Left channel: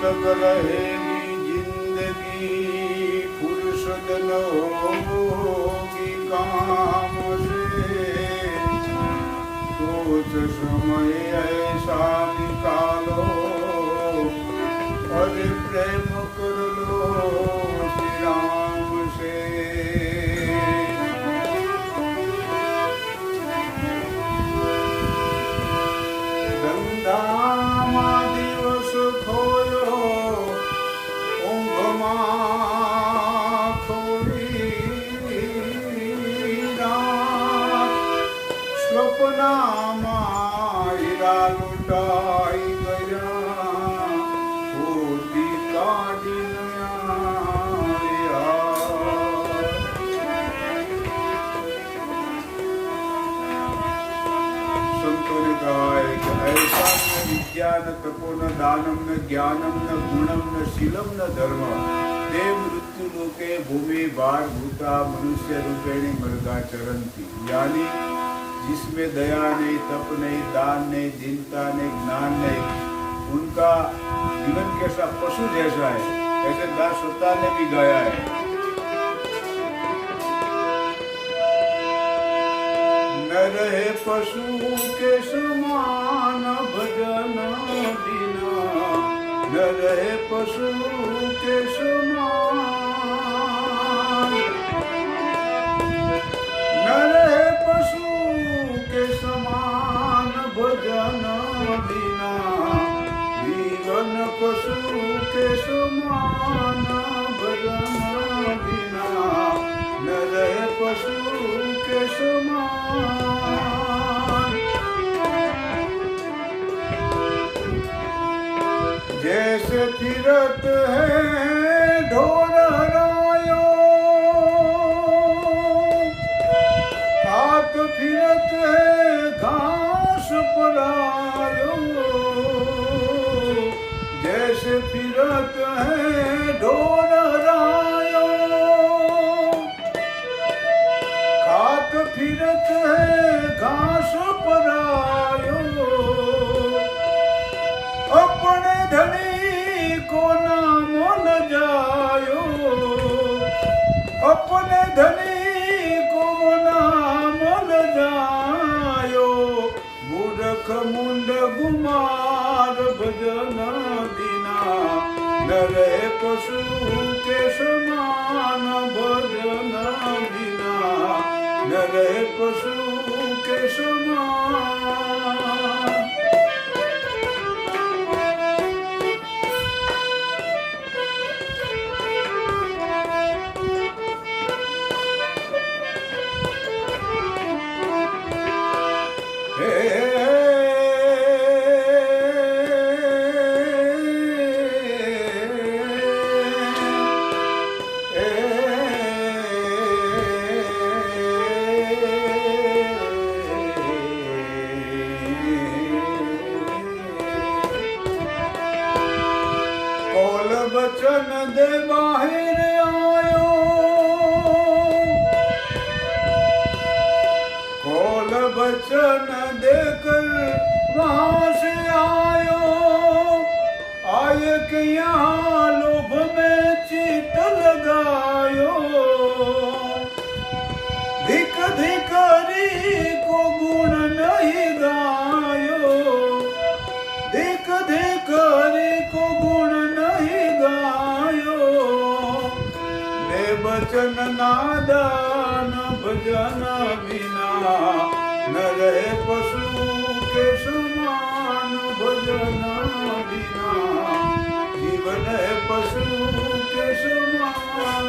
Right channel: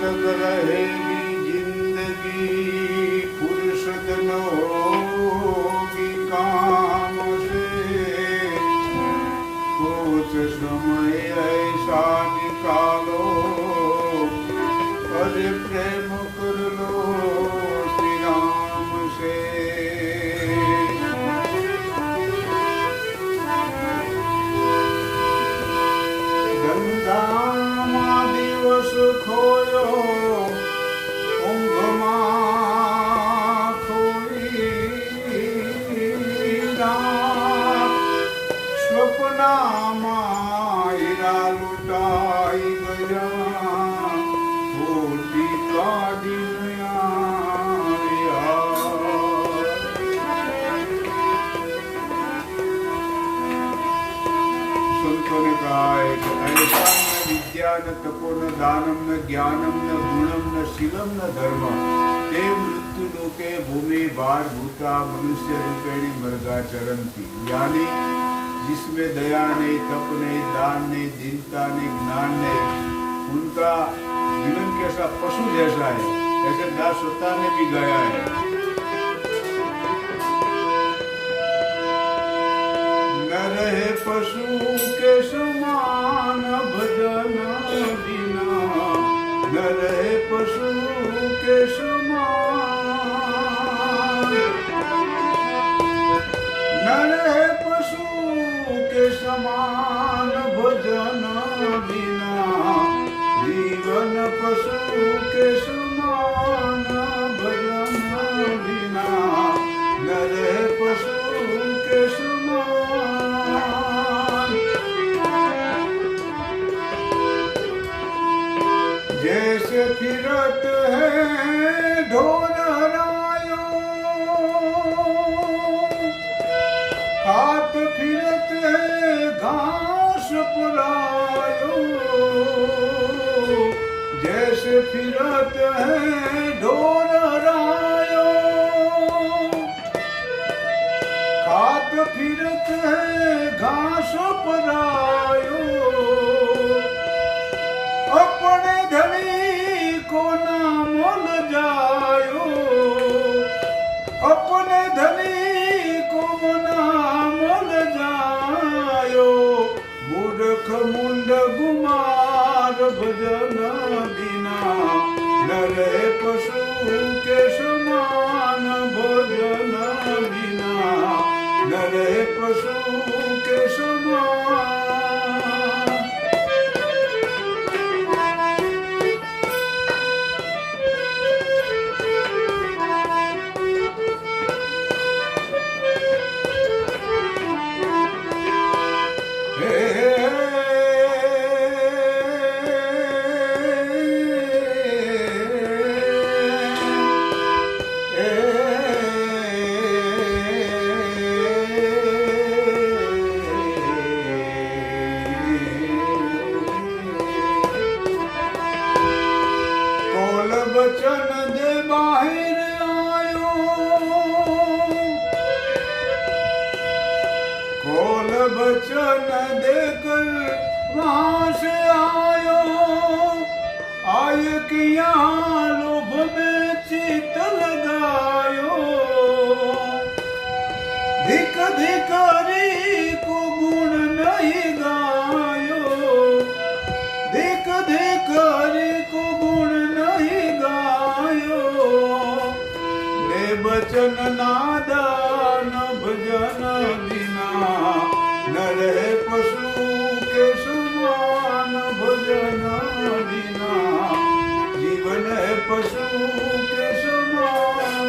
तक रहेगी जिंदगी फुर्सत न होगी काम से। कुछ समय ऐसा निकालो अरे प्रेम कर लो श्री राम से। ધંધામાં દિવસ ખોયો ઊંઘમાં થોડી રાત સ્વપ્નમાં હીરા લૂંટાઈ ગયા ખોટી કાઢી संतों ने कहा है कि ऐसा न विद्या न तपो न दानम न ज्ञानम न गुणम न शीलम न धर्म ते मृत्यु लोके भूमि भार भूता मनुष्य रूपेणी मृगा चरंती। यानी जिसमें दया नहीं, तप नहीं, दान नहीं, दीनता नहीं, ज्ञान नहीं, उनका जीवन कैसा पशु जैसा है। ऐसे दास स्वतः ने भी गाया है। न रहे पशु के समान भजन बिना, न रहे पशु के समान, न रहे पशु के समान भजन बिना, जीवन पशु के समान भजन बिना, न रहे पशु के समान। जैसे फिरत है ढोर रायो, हाथ फिरत है घास परायो। जैसे फिरत है ढोर रायो, हाथ फिरत है घास परायो। अपने धनी को ना मोल जायो, अपने धनी को ना मोल जायो। मूर्ख मुंड गुमार भजन बिना, न रहे पशु के समान भजन बिना, न रहे पशु के समान। कोल बचन दे बाहिर आयो, कोल बचन देकर वहां से आयो। आय के यहाँ लोभ में चित लगायो, धिक धिकारी को गुण नहीं गायो, धिक धिकारी को गुण नहीं गायो। बेबचन नादान भजन बिना, न रहे पशु के समान भजन बिना, जीवन है पशु के समान।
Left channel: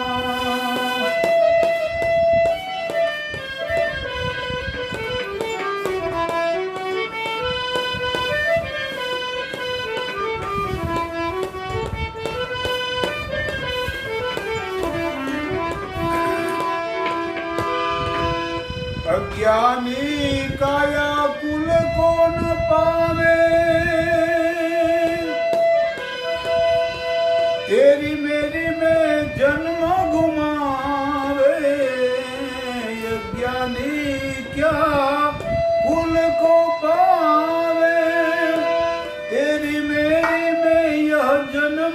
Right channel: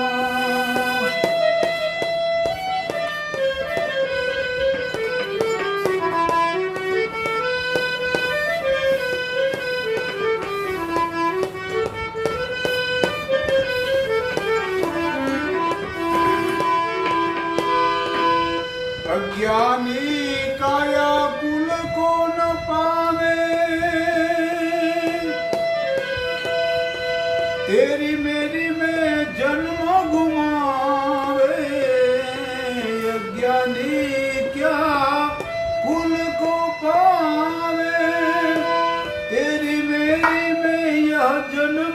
अज्ञानी काया कुल को न पावे, तेरी मेरी में जन्म घुमावे। अज्ञानी क्या कुल को पावे, तेरी मेरी में यह जन्म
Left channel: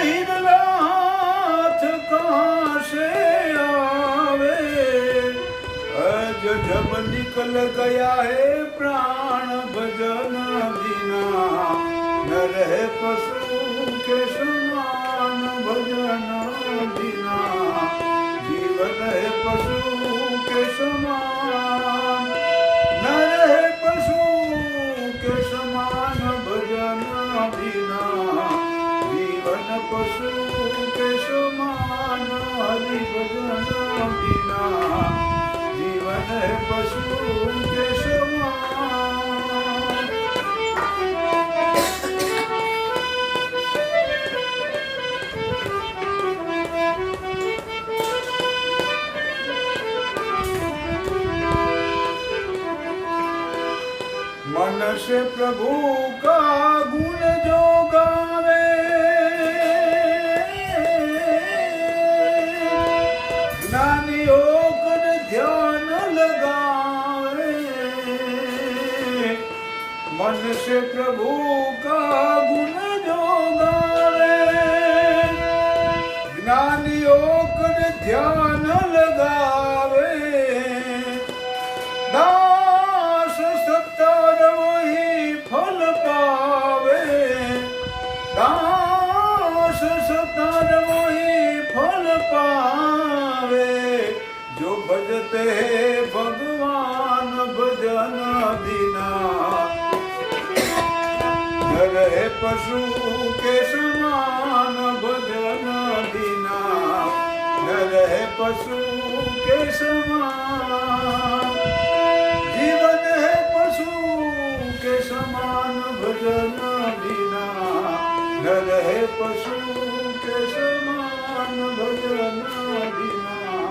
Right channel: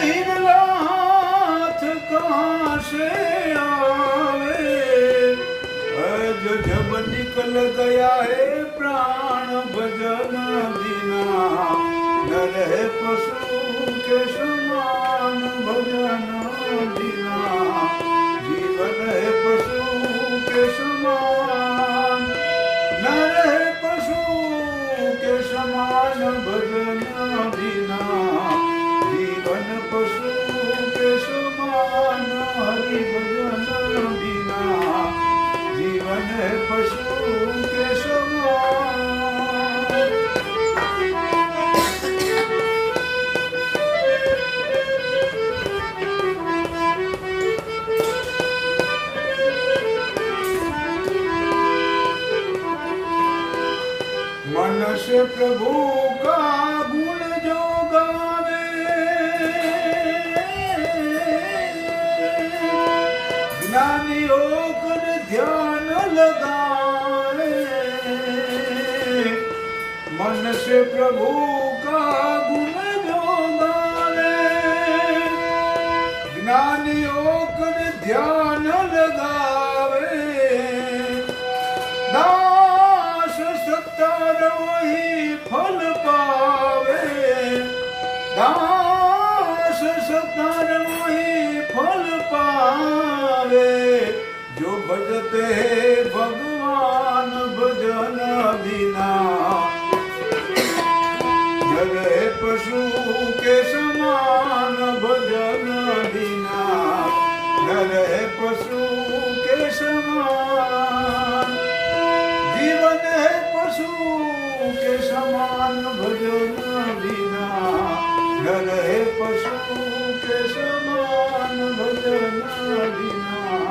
हिरनाथ कहाँ से आवे, जब निकल गया है प्राण भजन बिना, न रहे पशु के समान भजन बिना, जीवन है पशु के समान, न रहे पशु के समान भजन बिना, जीवन पशु के समान हरि भजन बिना, जीवन है पशु के समान। मन से प्रभु का गुण जो गावे, ज्ञानी होकर ध्यान लगाए, मन से प्रभु का गुण जो गावे, ज्ञानी होकर ध्यान लगावे, वही फल पावे, दास सतार वही फल पावे, जो भजते भगवान भजन बिना, न रहे पशु के समान भजन बिना, न रहे पशु के समान, जीवन है पशु के समान भजन बिना, न रहे पशु के समान भजन बिना।